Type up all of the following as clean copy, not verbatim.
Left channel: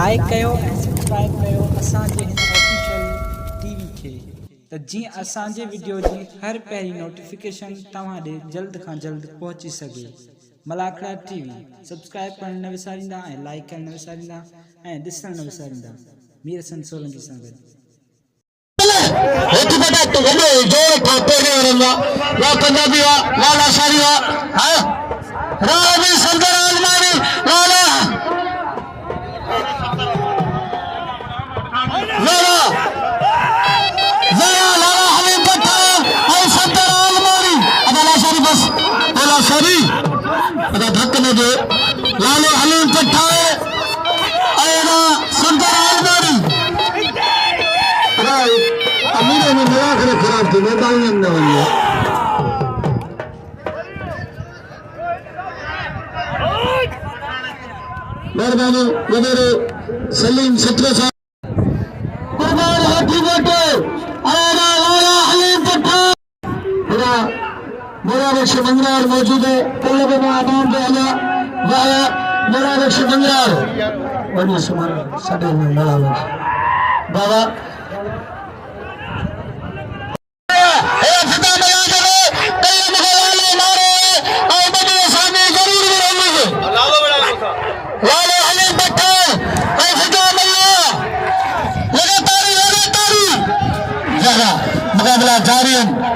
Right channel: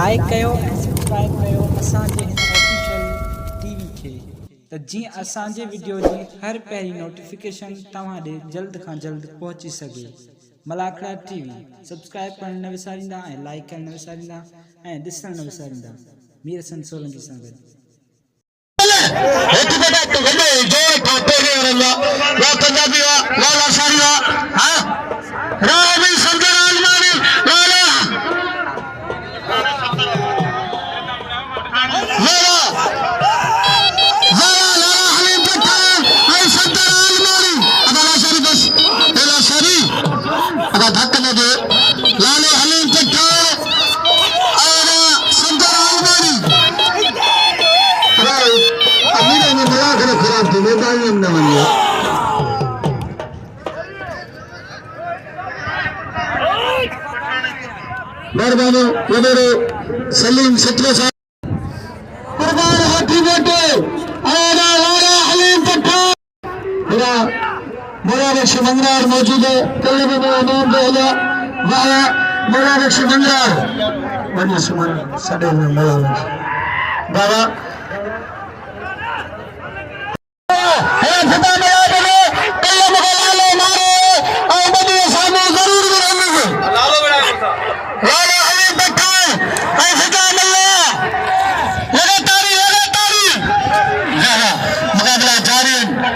Like कयो ऐं subscribe कयो असांजे हिन ऑफिशियल टीवी खे त जीअं असांजे वीडियो जी हर पहिरीं नोटिफिकेशन तव्हां ॾे जल्द खां जल्द पहुची सघे। मलाखड़ा टीवी सब्सक्राइब करण न विसारींदा ऐं लाइक करण न विसारींदा ऐं ॾिसण न विसारींदा। मीर हसन सोलंकी सां गॾु लालो हलीम कट्ठा अमीर ने मलाखड़ा खराब थी मेहरबानी न वञे मेहरबानी वॾेरो सलीम सत्र साहब कुर्बान हाथी बेटे लाला हलीम कट्ठा मेरा बख्श बंगार मौजूद है कल्लब में अमाम दहला वाया मेरा बख्श बंगार बड़ी सुमन सडे में मेरा बाबा मुकाबला जारी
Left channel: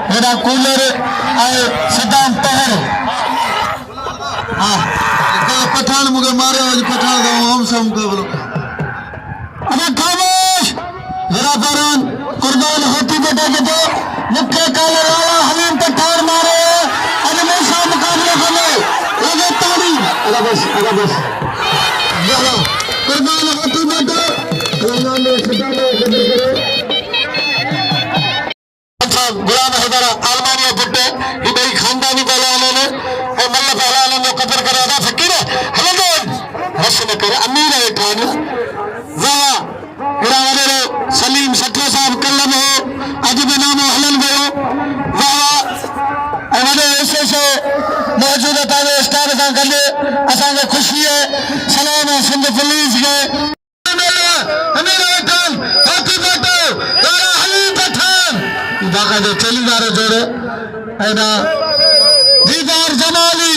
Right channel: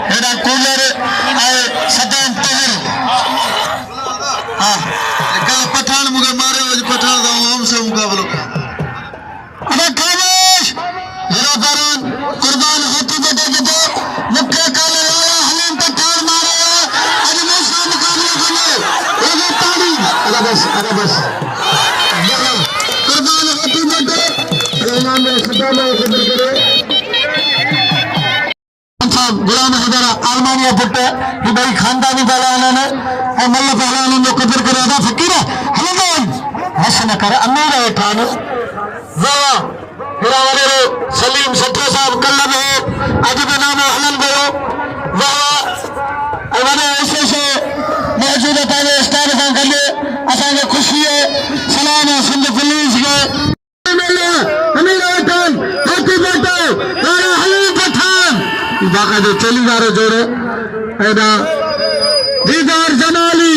मेरा कूलर सदाम पहाड़ पठान मुझे मारे आज पठान का हम सब मुकाबला अरे खामोश मेरा बरन कुर्बान हाथी बेटे के दो मुख्य काले वाला हलीम पठान मारे आज मैं सब मुकाबला करने ये ताली अरे बस कुर्बान हाथी बेटे अल्लाह में सदा में कदर करे गुलाम हैदर आलमानिया पुट हिबई खानदानी पहलवान और मल्ल पहलवान जो कदर करे अदा फकीर हलदन हस न कर अमीर ठान वाह हिरावरे सलीम सठा साहब कल्लम है अज भी नाम हलन गयो वाह वडे ऐसे मौजूद तावे स्टार का गले असा के खुशी है सलाम सिंध पुलिस के बाकायदे चलीदारो जोड़े ऐना दीदार जमाली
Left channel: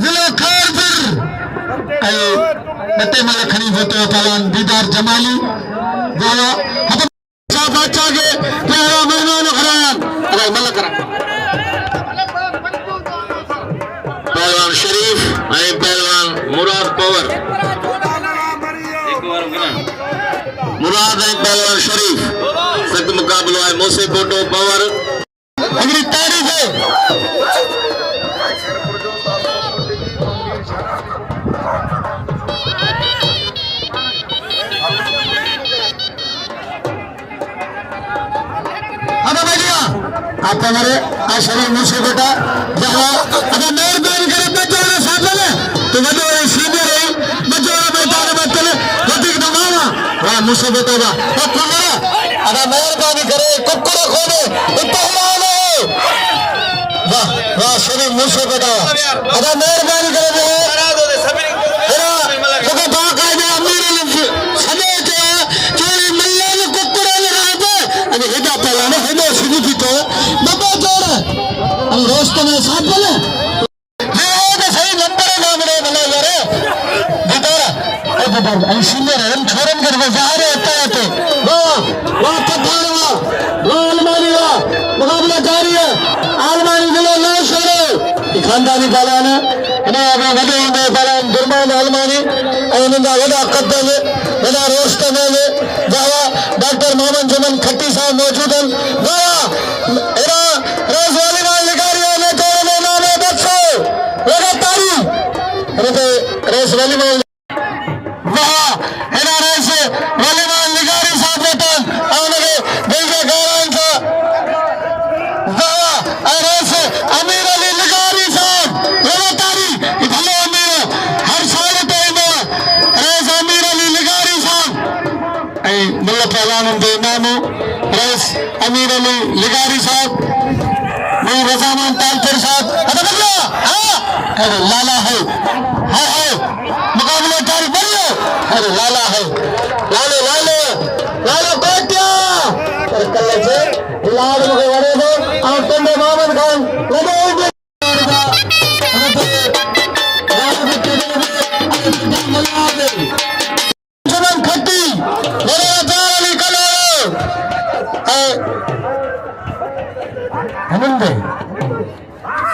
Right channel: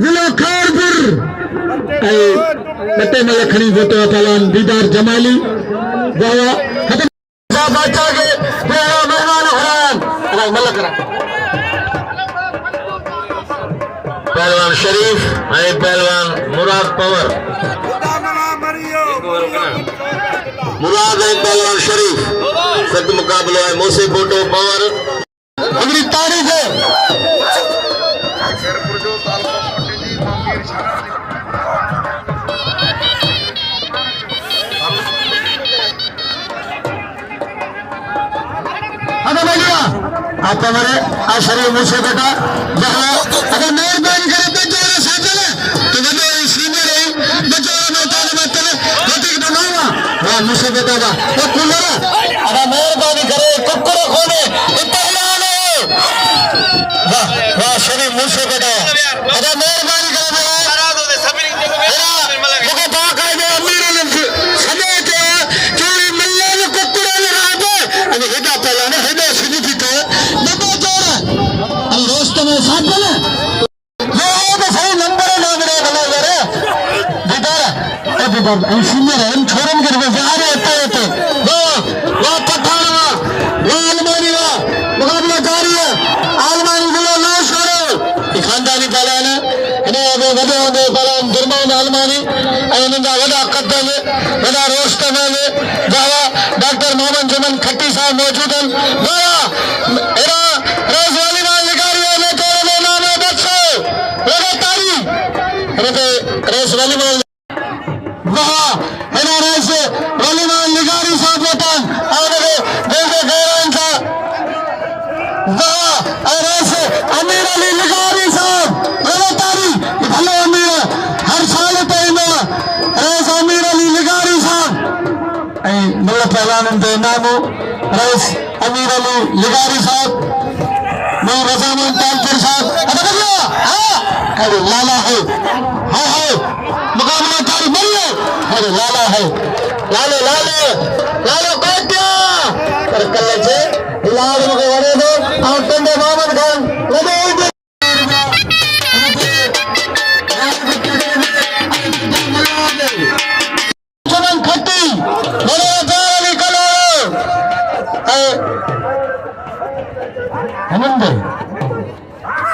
जिला खारपुर नटे में खड़ी फोटो पहलवान दीदार जमाली जावा खत्म बादशाह के तेरा मेहमान हरान अरे मल्ल करा पहलवान शरीफ ऐं पहलवान मुराद पवर मुराद है पहलवान शरीफ सख्त मुकाबलो है मोसे फोटो पवर अगली तारीख है आप हमारे शरीफ मुझसे बेटा अगर मेहरबानी करे बच्चों ने साथ लो तो बच्चों सीधे रही बच्चों बेटा ने बात करो बेटी के मामा हाँ मुझसे बेटे बा ये कुल्लरा अगर मेहरबानी करे कुक्कर खोले ये पहलवान है वाह वाह शरीफ मुझसे बेटा अगर मेहरबानी करे रोस्त में साथ बोले सही नंबर सीनियर है छोरम करके जा रहे होता है तो मुकाबला जारी है आलमानी बोलो लो छोड़ो खानदानी पहलवान वॾे हूंदे पहलवान गुरमान आलमानी वॾा कद वॾा रोस्त में डॉक्टर मोहम्मद जमन खट्टी साहब मौजूद आहिनि रईस अमीर अली लिगारी साहब नहीं रजामान तालपुर साहब लाला है मुकाबला भाई मल्लो अरे लाला है लालो लालो लालो कोटिया कर कल्ले से लाल को वड़े दो और कंदे मोहम्मद खान लगे जमन खट्टी मेरे प्यारे कलो हनंदे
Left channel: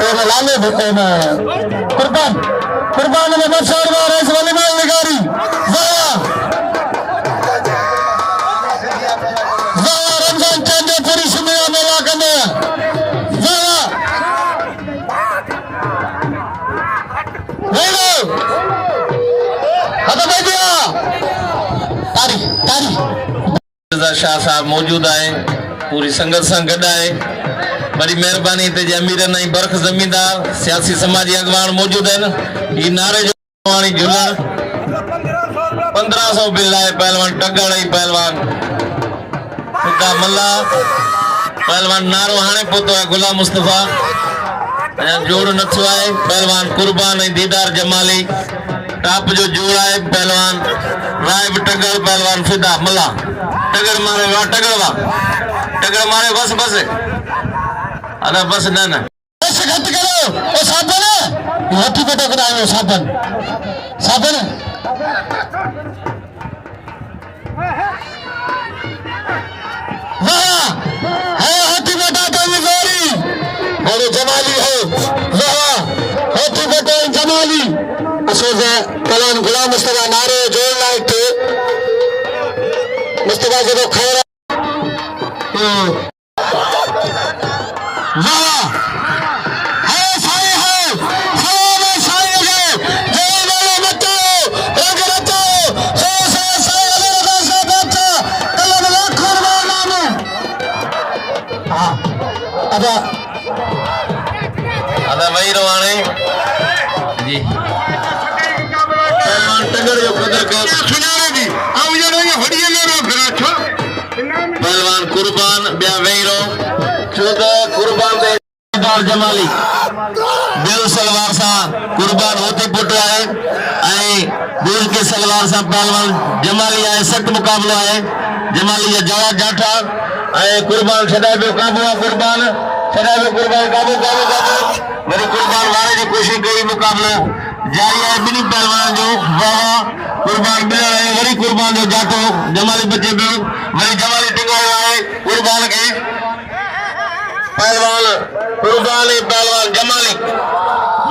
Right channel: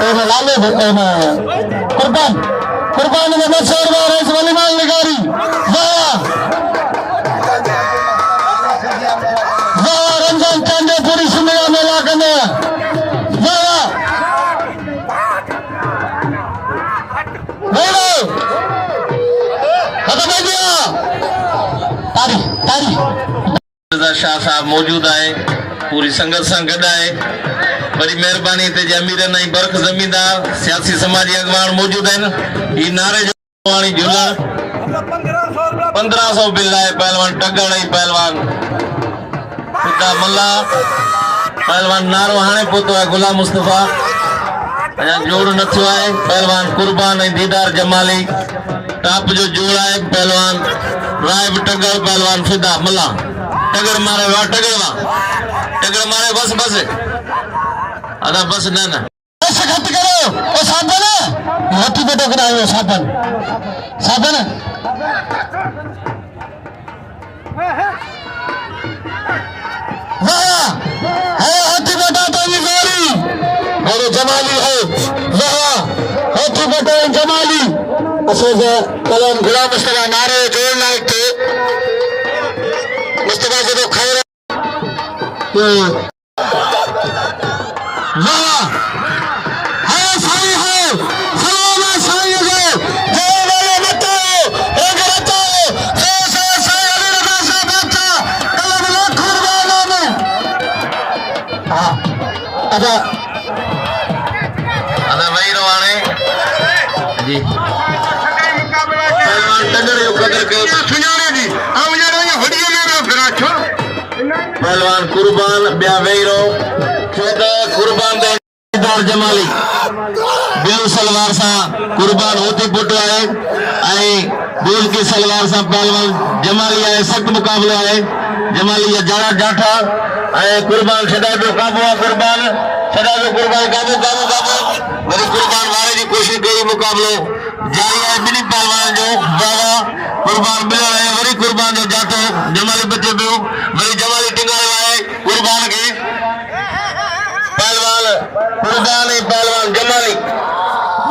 एना लाले भटना कुर्बान कुर्बान में मशहूर वारिस वलीमाल निगारी वाह वाह रमजान चांदे पूरी सुनिया मेला कने वाह बोलो हटा बैठिया तारी तारी शाह साहब मौजूद आए पूरी संगत सां गॾु आहे बड़ी मेहरबानी ते जे अमीर नहीं बरख जमींदार सियासी समाजी अगवान मौजूद हैं ई नारे जो वाणी झूला 1500 बिल है पहलवान टंगड़ ही पहलवान खुदा मल्ला पहलवान नारो हाणे पोतो है गुलाम मुस्तफा अया जोड़ नथो आहे पहलवान कुर्बान है दीदार जमाली टाप जो जोड़ है पहलवान राय टंगड़ पहलवान फिदा मल्ला टगर मारे वाह टगर मारे बस बस अदा बस ना ना बस घट करो ओ साबन हाथी पे टकरा आयो साबन साबन वाह है हाथी बेटा तो मिजारी और जमाली है वाह हाथी बेटा जमाली असर से कलाम गुलाम मुस्तफा नारे जोड़ लायक थे मुस्तफा से तो खैर अदा वही रवाने जी पहलवान टंगड़ जो कदर को सुनारे जी आ उजड़ो ये हड़िए में फिराठो पहलवान कुर्बान बिया वही रो छोटा कुर्बान दे दार जमाली बिल सलवार सा कुर्बान होते पुट है आई बिल के सलवार सा पहलवान जमाली है सख्त मुकाबला है जमाली या जड़ा जाठा आई कुर्बान सदा जो काबू कुर्बान सदा जो कुर्बान काबू काबू काबू मेरे कुर्बान वाले की कोशिश कई मुकाबलो जारी है बिनी पहलवान जो बाबा कुर्बान बिलो है वरी कुर्बान जो जातो जमाली बच्चे बियो वरी जमाली टिंगो है कुर्बान के पहलवान कुर्बानी पहलवान जमाली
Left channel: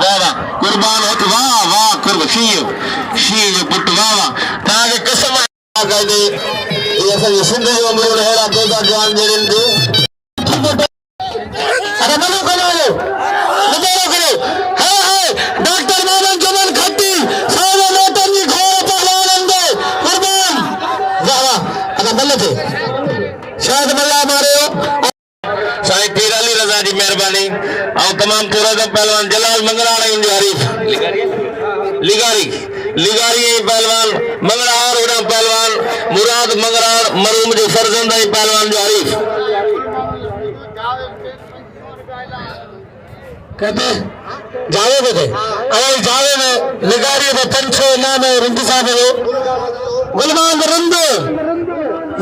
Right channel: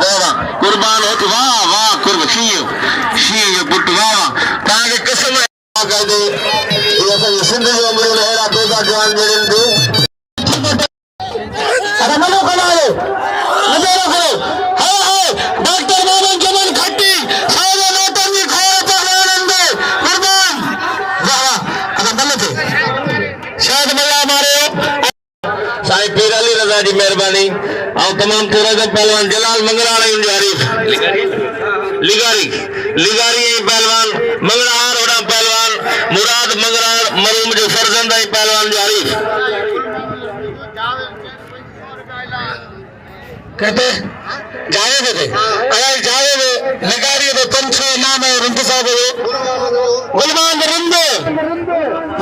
दादा कुर्बान होती वाह वाह कुर्बान शीयो पुट वाह वाह तां के कसम कर दे ये सब सिंध जो अमरो हेड़ा दोदा जवान जेड़न दो अरे मनो करो नजारा करो हाय डॉक्टर मानन जमन खट्टी सावो मोतन जी खोर पहलवान दे कुर्बान वाह वाह अदा बल्ले थे शायद मल्ला मारे साईं पीर अली रज़ा जी मेहरबानी और तमाम तुरद पहलवान जलाल मंगराणी उनके हरीफ लिगारी पहलवान मंगरार उड़ा पहलवान मुराद मंगरार मरूम जो फर्जंद है पहलवान जो हरीफ कहते जावेद थे अरे जावेद लिगारी दे पंछो नाम है रंग साहब गुलमान रंदे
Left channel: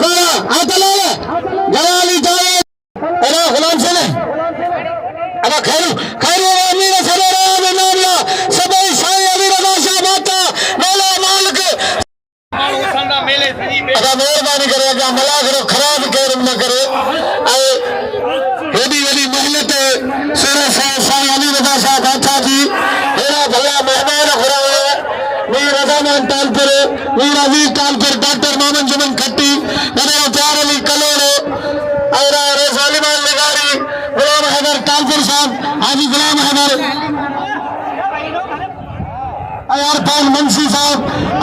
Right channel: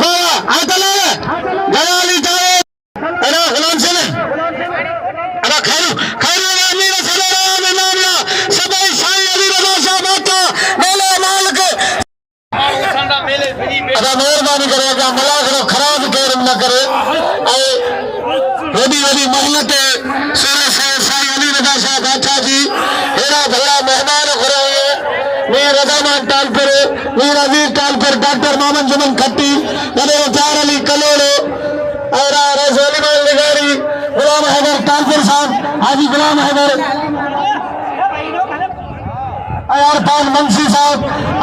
वाह आय तले जलाली जावेद अरे गुलाम से ने अरे खैरू अमीर सरेरा में नामला सबई साईं अली रज़ा साहब आता मेला मालिक अदा मेहरबानी करे अदा मला करो खराब केर न करे वडी मेहनत सूरज साईं अली रज़ा साहब आता जी हेरा भला मेहमान घुरे वीर रज़ामान तालपुर वीर अवीर तालपुर डॉक्टर मोहम्मद जुमन खट्टी नबे प्यार अली कलोड़ो और रज़ालिमाल निगारी गुलाम हैदर तालपुर साहब हाजी गुलाम हैदर अयारफान मंशी साहब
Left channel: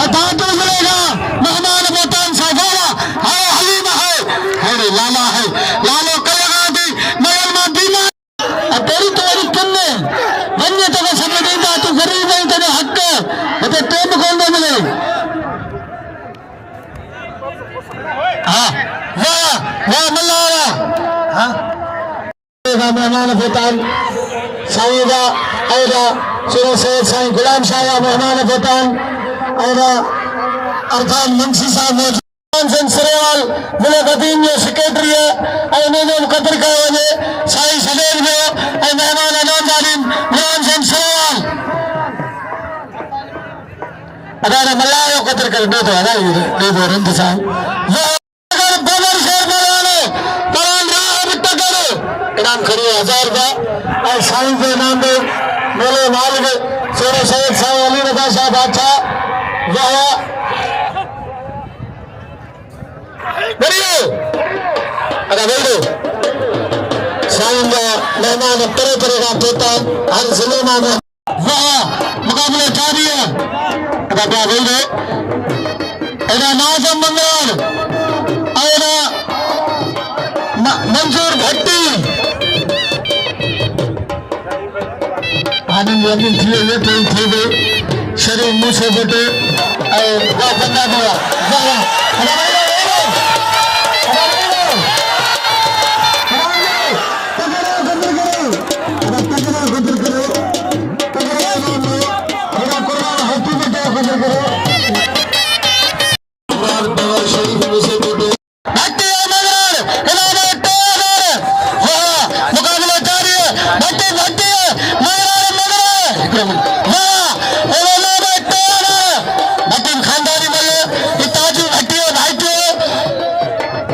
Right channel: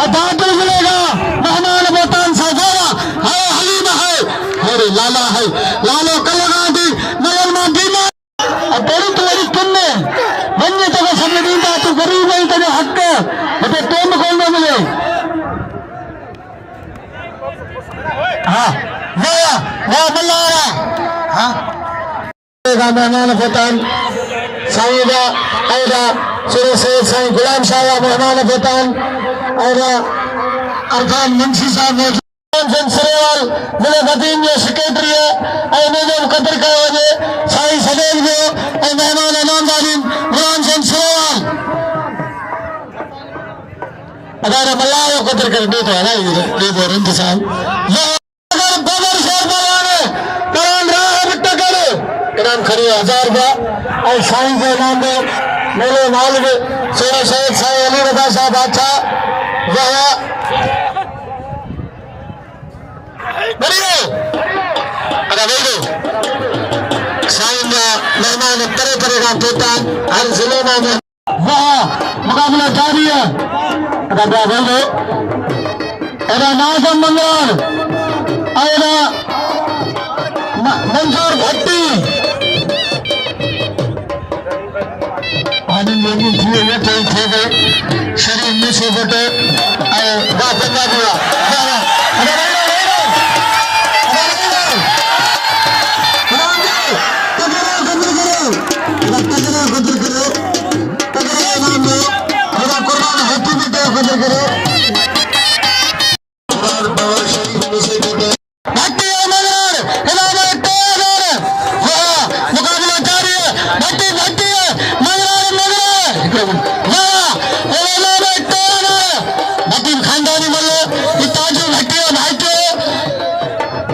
अदालत मिलेगा मेहमान बोतान सजावा है हलीम है अरे लाला है लालो कलगा दी मेहमान दीमा तेरी तोड़ी किन्ने जन्नत को सब दीदा तू गरीब नहीं तेरे हक ते तुम कौन न मिले हां वाह मल्लारा हां मेहमान बोतान सईदा ऐदा सुरसेर साईं गुलाम शाह मेहमान बोतान ऐदा अरफान मुंशी साहब मौजूद सिरेवाल मुल्क अदीम जो सेक्रेटरी है इन्हें मुकद्दर कयो वञे साईं सदैन जो मेहमान इनामदारीन मुरान सिंह सिरेवाल अदारा मल्ला जो कदर कर दे तो आदा दे बोर इंतजाम ये अगर बदर शेर मलाने करान राह बिट्टा करो इनाम खड़ी 1000 रुपया और साईं के नाम पे मेरे मालिक शेर सैयद साईं अली रजा शाह बादशाह वाह बढ़ियो अदा बोलो साईं का मेहमान तरह तरह का पोता हर जिले में वाह मुकाबला जारी है अदा क्या बोलो अदा नाज़म मंगल अदा मंजूर भट्टी आनंद लगी थी ये तो थे गए शरीर मुझे बटे आए वाह बंदा दिया वाह अदा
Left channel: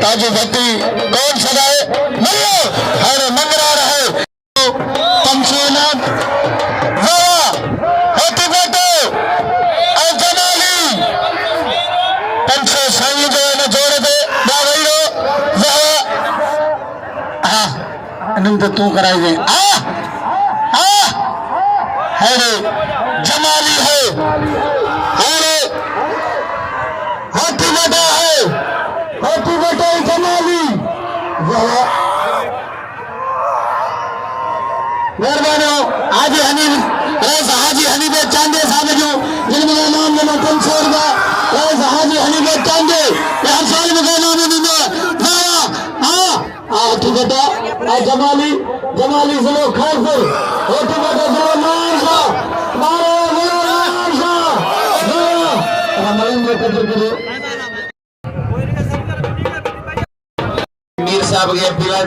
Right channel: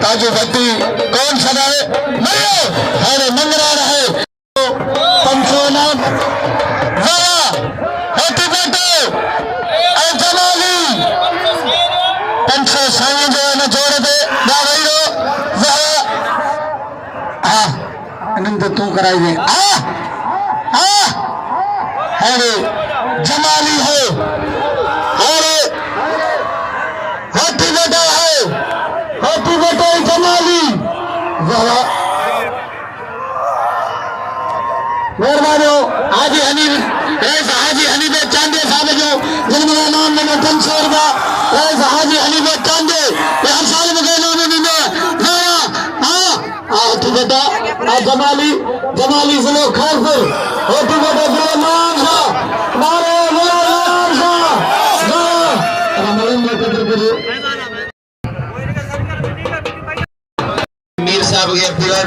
ताजू भट्टी कौन सदाए मल्लो अरे मंगरा रहे पंचोनाथ वाह होती बेटे और जमाली पंचो साईं जो न जोड़ दे ना रहियो वाह अनंत तू कराई गई अरे जमाली है अरे हाथी बेटा है हाथी बेटा जमाली मेहरबानी हाजी हनी हाजी हनीबे चांदे साहब जो जिनमें नाम लेना 500 रुपया हाजी हनीबे चांदे हर साल में कहना नहीं हाथी बेटा जमाली जमाली जिले खैरपुर हाथी बेटा जिले मान शाह मारो मान शाह मीर साहब के फिरा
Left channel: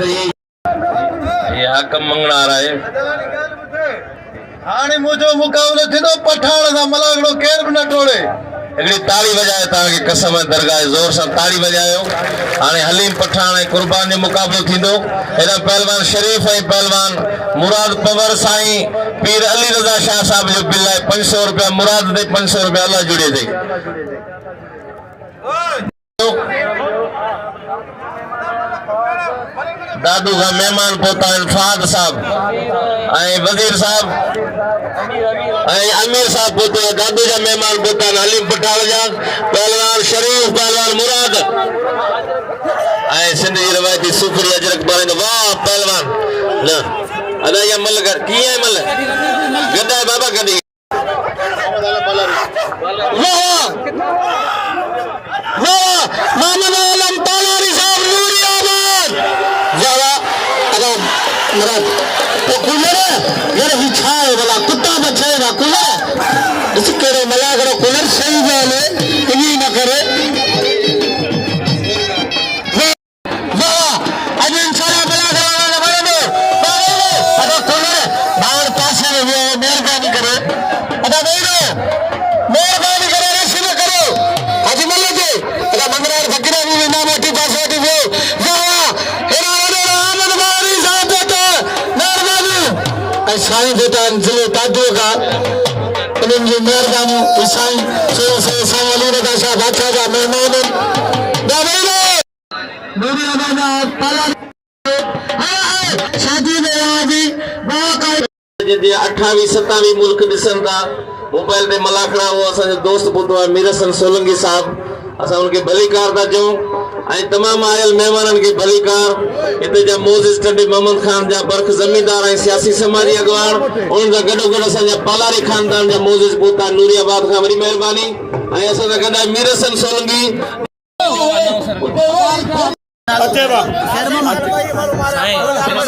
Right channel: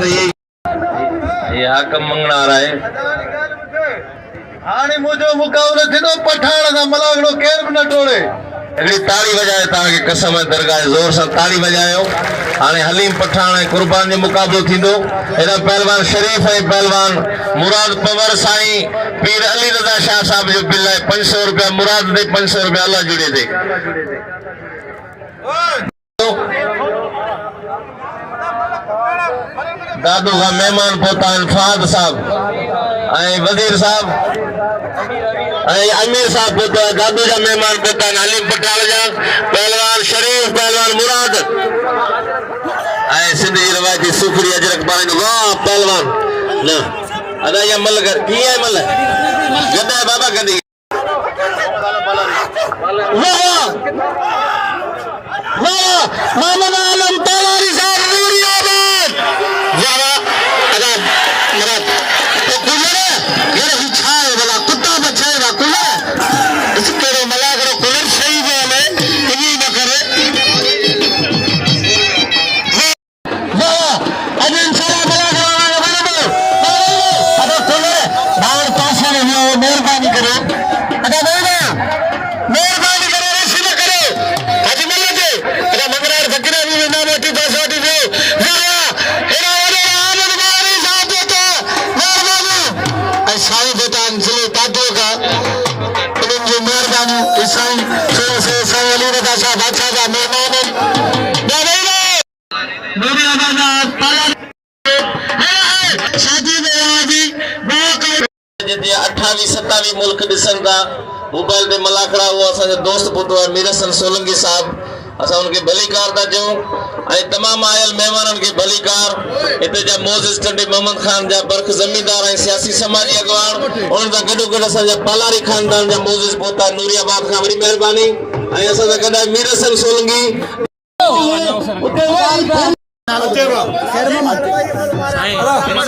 ये हाकम मंगना आ रहा है हाणे मुझो मुकाबलो थींदो पठाण सां मलागड़ो केर बि न टोड़े हिकिड़ी ताड़ी वॼाए तव्हांखे कसम दरगाह ज़ोर सां ताड़ी वॼायो हाणे हलीम पठाण ऐं कुर्बान जो मुक़ाबिलो थींदो हेॾा पहलवान शरीफ़ ऐं पहलवान मुराद पवर साईं पीर अली रज़ा शाह साहब जो बिल आहे 500 रुपया मुराद ते 500 रुपया अल्लाह जुड़े ते दादू का मेहमान पोता फहद साहब वजीर साहब अमीर साहब पोता दादू का मेहमान पोता हलीम पठाण जा पहलवान शरीफ पहलवान मुराद सिंध जी रवायती सूखड़ी अजरक पारे वाह पहलवान न अदा या मल कर की है मल गदा है बाबा गदी वाह वाह मामन आलम पालारी साहब नूरियाबाद वाह अदा मराद तो कुलर यार ही छाए वाला कुत्ता बचाएगा कुलर इस केड़े मला करो कुलर सही वाले इन्हीं न करे वाह अजन सारा मला करो बराबर अदा कुलर बाहर पासे में मेहरबानी करे अदा बोल मेहरबानी करे रिसीव करो हाजी मल्ला जी अदा मंगरार फकीरा भी नाम आती दासवाटी से साईं बेटा जिले ताजो का उन्हनि जी मेहरबानी साईं साईं अली रज़ा शाह बादशाह जा मेहमान शादी में 28-27 मुल्क ॾिसनि था मोबाइल ते मलाखड़ा वो असांजो दोस्त ॿुधो आहे मीरसन सोलंकी साहब असां उनखे भलीकार था चऊं ऐं तमामु आयल महिमाननि खे भलीकार हिते जा मोज़िज़ टंडे मोहम्मद खान जा बर्ख ज़मींदार ऐं सियासी समाजी अॻवान उन्हनि सां गॾोगॾु असांजा पालारी ख़ानदान जा मोज़िज़ पोता नूरियाबाद खां वरी महिरबानी ऐं असां सां गॾु आहे मीरसन सोलंकी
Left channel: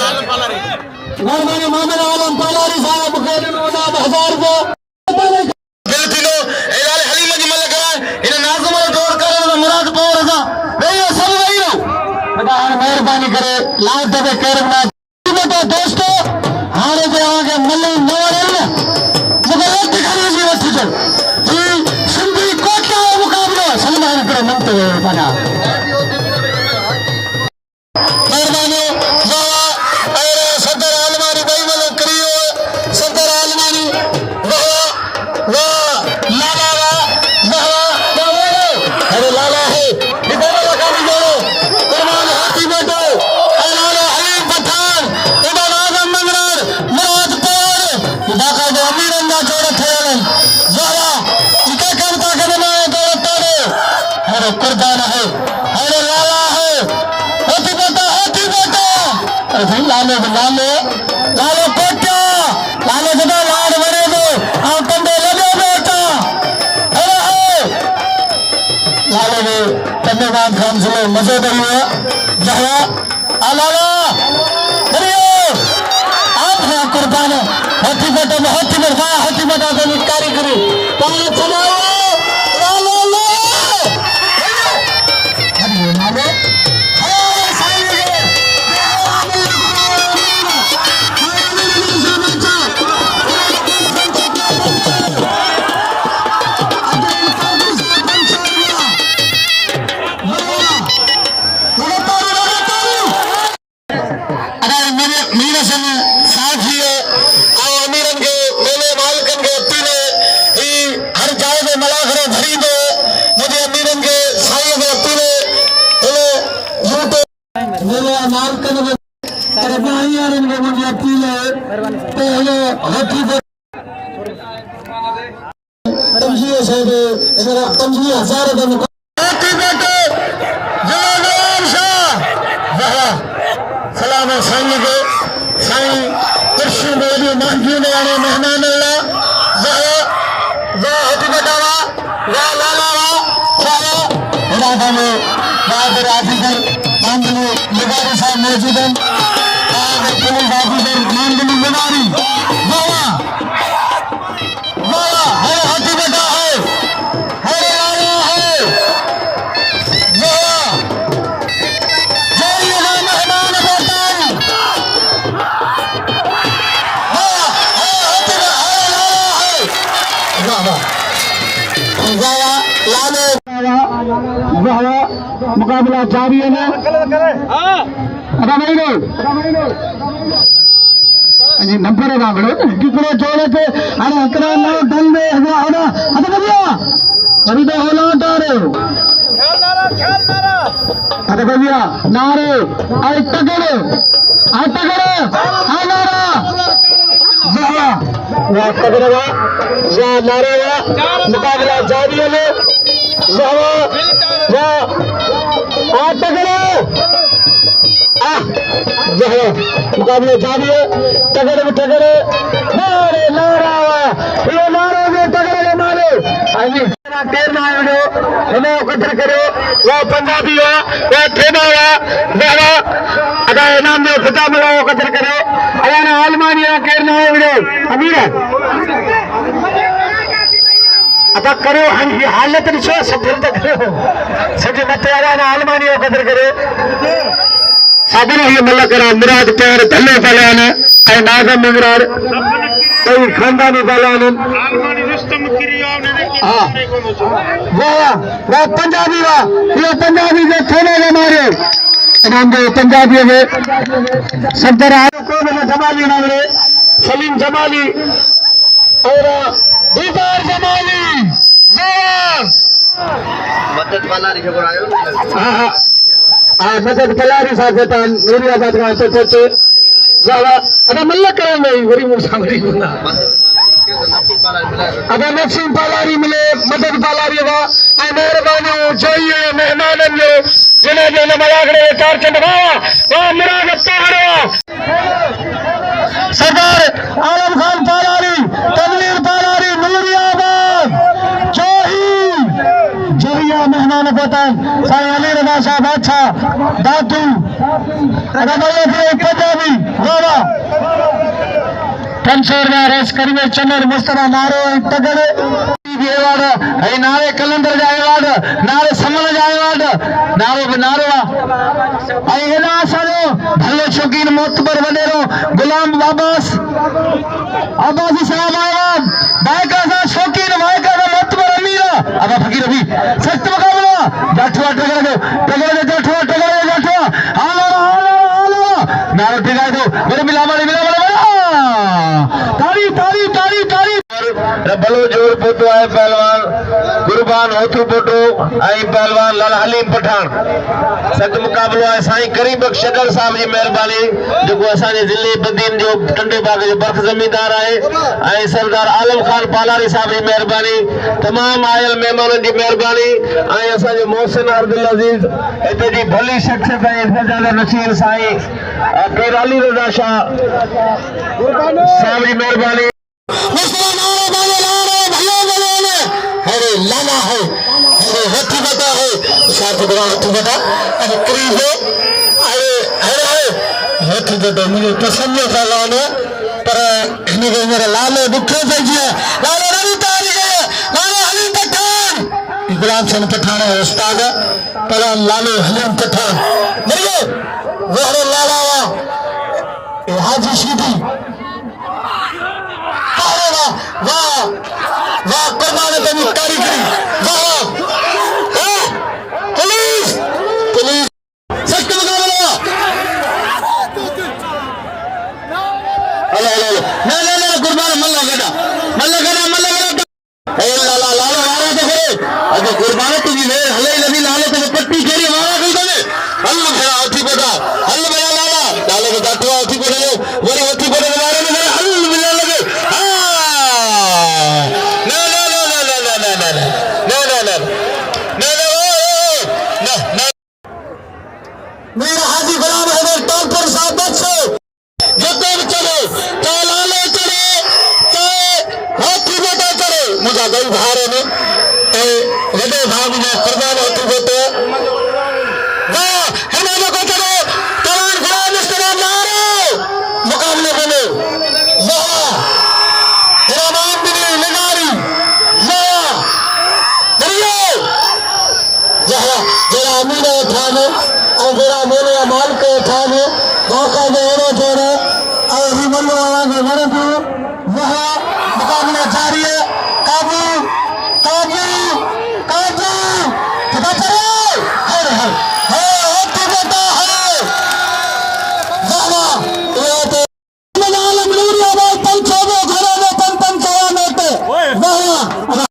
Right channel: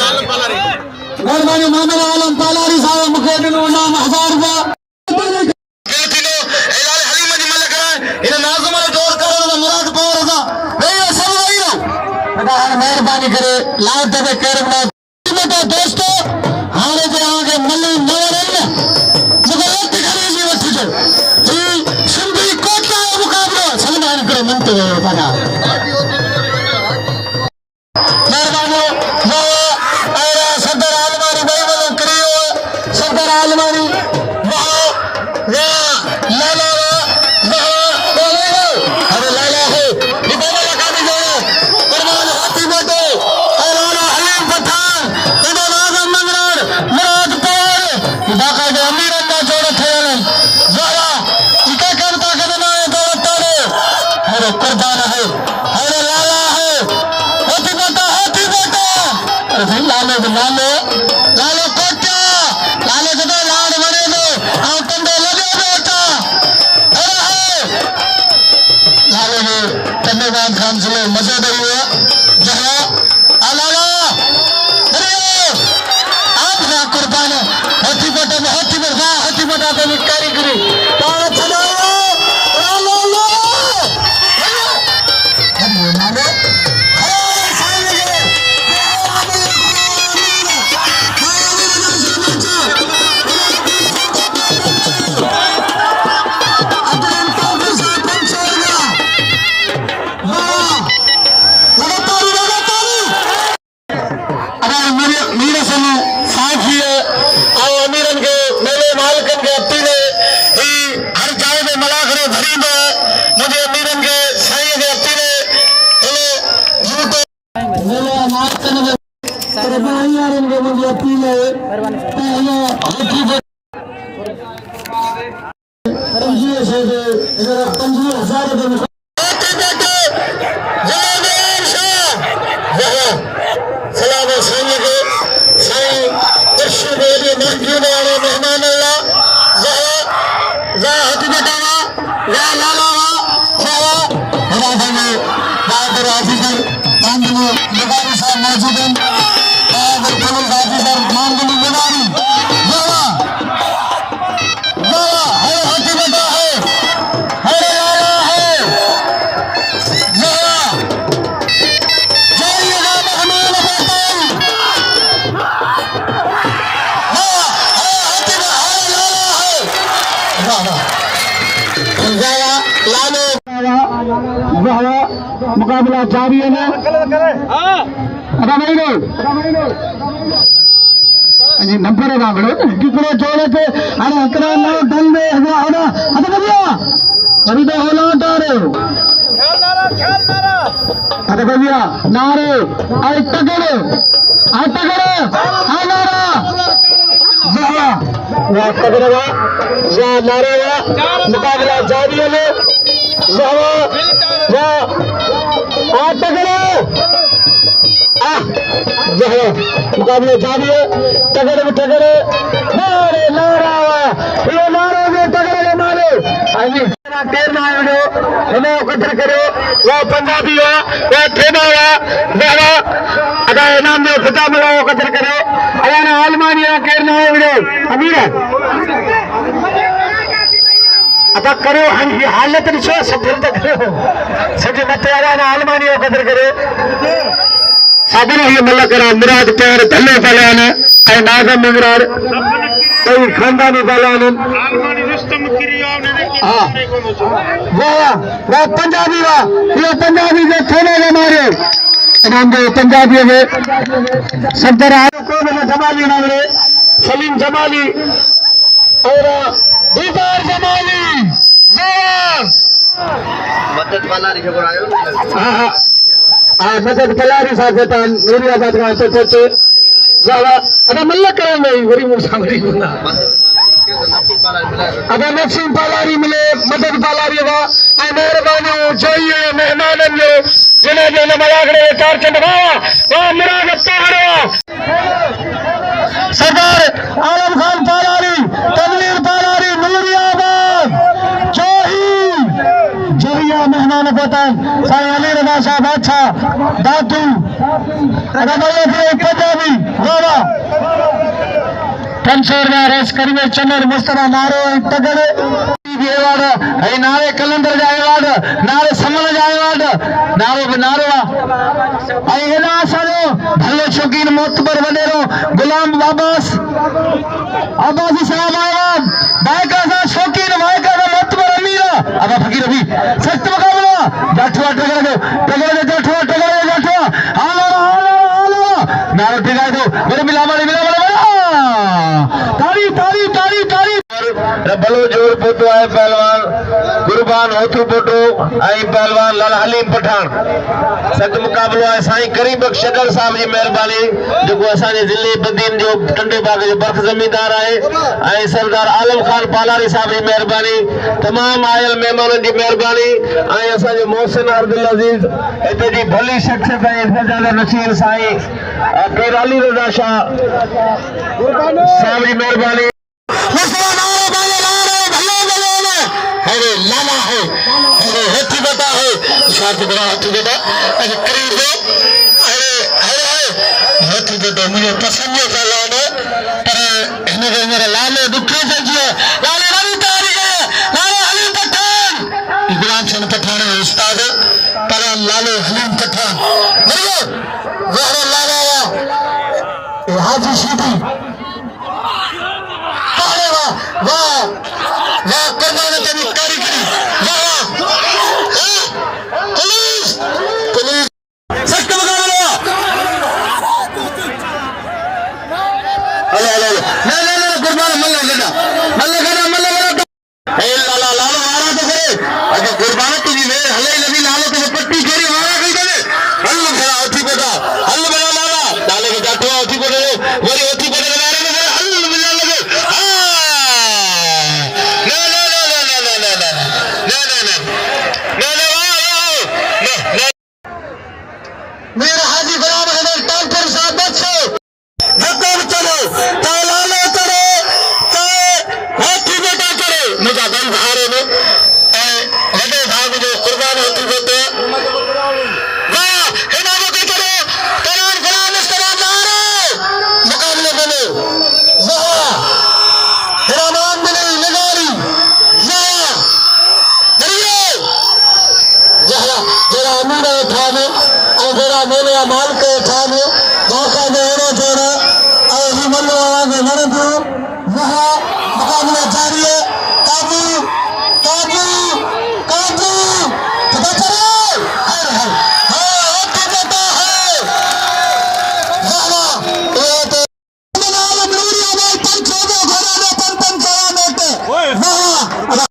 मेहरबानी मोहम्मद आलम पालारी साहब मूंखे ॾिनो इनाम 1000 रुपया हलीम जी मल कराए हिन नाज़ुम अरे कुर्बान है, अरे लाला है, हाथी बेटा अरे भाई लालो कोटा लालो जदा लाड बने दो आप कंधे लगे बेटा अरे लालो ने धन्यवाद खान से मजे हुआ जहरा लाला अरे आप है कुर्बान हाथी बेटा को निकारी करो पांच चलाओ लालो सलाम साईं के साईं कृष्ण देवी महजूद वाले मेहमान अल्लाह हकीकतवा लाला राधा में बहादुर ऑफिसर मांगलू निगारी साहब मौजूद हैं और पुलिस ऑफिसर मांगलू निगारी हकीकता है लाला है मुकाबला जारी है ना नंबर कितने जोड़े थे अरे हकरा ना दल में होना अभी तो होना उठा रहे हो अरे भैया नारे अरे टकरे नारे मुकाबला जारी है मुकाबले जारी है तगड़े नारे नारा ये नारे में तगड़े मारे टेरना इन्हें एकत्र करो वो पंजाबी हो वो ठेना हुआ अगर इनाम में खिताब मिला वो एकत्र करो अगर आलमानिया केरना है अमीर अदा करो हालत ॾिसो सभु करो सॼे मथे वारा आलमानी कदर करे साबिर ही मलकरा मुराद प्यार धल्ले पलान ऐं नाज़म मुराद कोई खानदानी पलान वाह पंजाबी वाह ये पंजाबी जो थोड़े के मारे इनाम दे पंजाबी में सदर आयो को जमाली नाले सलीम जमाली और दीदार जमाली मदद पलारी जो आयो मदद पलारी साहब था नूरियाबाद का तो पहुंचे वाह अदा मल्ला करण में वरी मुसामरी बोला अदा नसीम पलारी मिले मदद पलारी वा ऐ मेहरबानी जोइए मेहमानन जो जिने जो मलागड़े चार चंद वाह मुराद ताहरा सरदार आलम खान पलारी तनवीर पलारी नूरियाबाद जोहिया मेहमान पतन साईं अली रजा साहब अच्छा दातू पंजाबी वाह कंसोरवा रेस करीमे चंदर मुस्तफा नारो तगड़े अवार्ड है नारे कलंदर जा अवार्ड नारे समन जा अवार्ड नारो आई हेना सारो भलो शौकीन मोतबर वडेरो गुलाम अब्बासी साहब अवार्ड बाइका सा शौकीन बाइका सा मोतबर अमीर अब फकीर अभी सख्त मुकाबला जाठवा टगड़े हालो नारो टिकाए दो मेरे मिला तारी रबलो जोर पोतो है पहलवान कुर्बान होतू बोटो आई पहलवान लाल हलीम पठान सत मुकाबलो है साईं करीम बख्श शगर साहब जी मेहरबानी जो असांजे जिले बदीन जो टंडे बाग जो बर्फ जमींदार है आई सरदार आलम खान पालारी साहब जी मेहरबानी तमाम आयल मेहमानन जी मेहरबानी आई असांजे मोहसिन अब्दुल अजीज इते जी भली शख्सियत है सजादा नशीर साईं केराली रजा शाह साहब जी मेहरबानी अरे लाना है अरे हेठी बता है साथ बड़ा हेठी बता अरे करीब है अरे अरे हेठी बता मुझे पसंद है लाने पर इन्हें मेरा लाले दुखे से जिया लाले रवि तारी गए लाले हलीम पठान इकराम सन पठान है उस्ताद पला लाले हलीम पठान मरो वहरे लाला वा हाजी सीधी वाह वाह करना ने तुम तारी करी वाह पुलिस पुलिस सख्त मुकाबला हेलो हेलो ना कुर्बान मल्ला गड़ा ए लाला लाला मारा तो करे अगर कुर्बान तुझी मेरे हले नबी लाले तो पट्टी छोड़ी मारा कर दे अल्लाह खड़ा उठी बेटा अल्लाह बड़ा लाला लाले के जातो उठी बेटा वरी उठी बेटा मारे ने अल्लाह बिल्ला लगे मेरा हाजी गुलाम हैदर डॉक्टर साहब बच्चे जब चलो तो लाले चले तो हाथी बेटा करे मजा गई धारे में तो हृदय भाग में कुर्बान होती बेटे गया हमारे को चलो तरान गुलाम इस्तेमाल मारो मुकाबले बने वहाँ हिरामान बिनी निगारी वहाँ दरियो वहाँ जरा अमीर उठाने और जरा मेरे अमाल को उठाने मौका देने देने और ही मल्लो आवाज़ भर दो वहाँ मुकाबला जारी है काबू काबू काबू पता चलो हर हर होती देता है वहाँ ये तो आलम नूरी आवाज़ पंचों घरों में पंचों वहाँ